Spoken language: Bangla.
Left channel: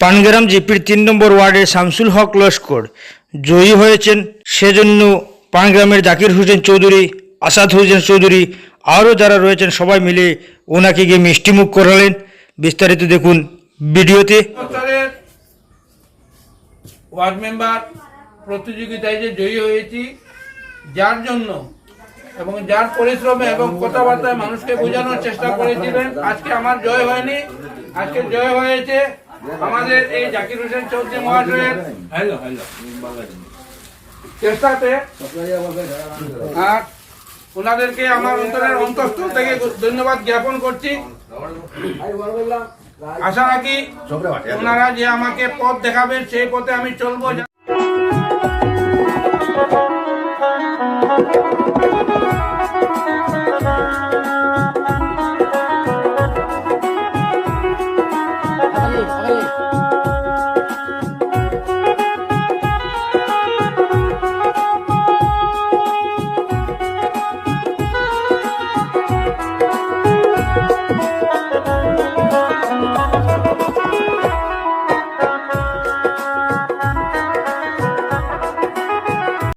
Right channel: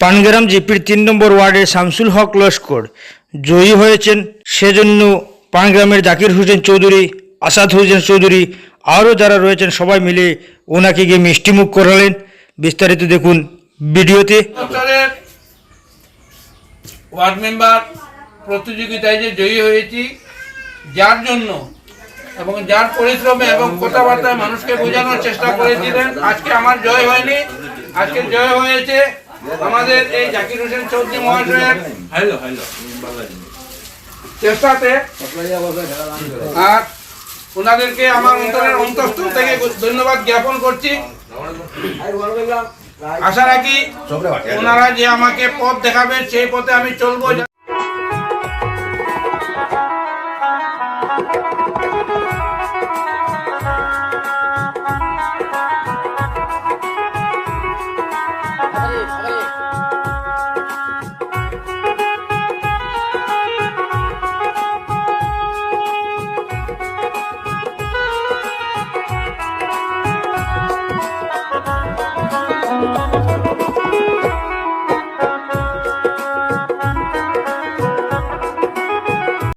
পানগ্রাম জিপির তিন নম্বর ওয়ার্ডে শামসুল হক লস্কর জয়ী হয়েছেন। সেজন্য পানগ্রামের জাকির হোসেন চৌধুরী, আসাদ হোসেন চৌধুরী আরও যারা রয়েছেন সবাই মিলে ওনাকে গিয়ে মিষ্টিমুখ করালেন। বিস্তারিত দেখুন ভিডিওতে। ওয়ার্ড মেম্বার প্রতিযোগিতায় যে জয়ী হয়েছি, যার জন্য এবং যার পরিশ্রমে এবং কথাবার্তায় মানুষকে বোঝানোর চেষ্টা করেছিলেন, আজকে আমার জয় হয়নি। আজকে জয় হয়েছে আমাদের এই জাকির হোসেন চৌধুরী মহাশয়ের চেষ্টাতে আর ওনাদেরকে আমার অন্তরের অন্তস্থ থেকে ধন্যবাদ জ্ঞাপন করছি। আশা রাখি ওনারা যে আমাকে পথ দেখাবেন, সেই পথে আমি চলবো।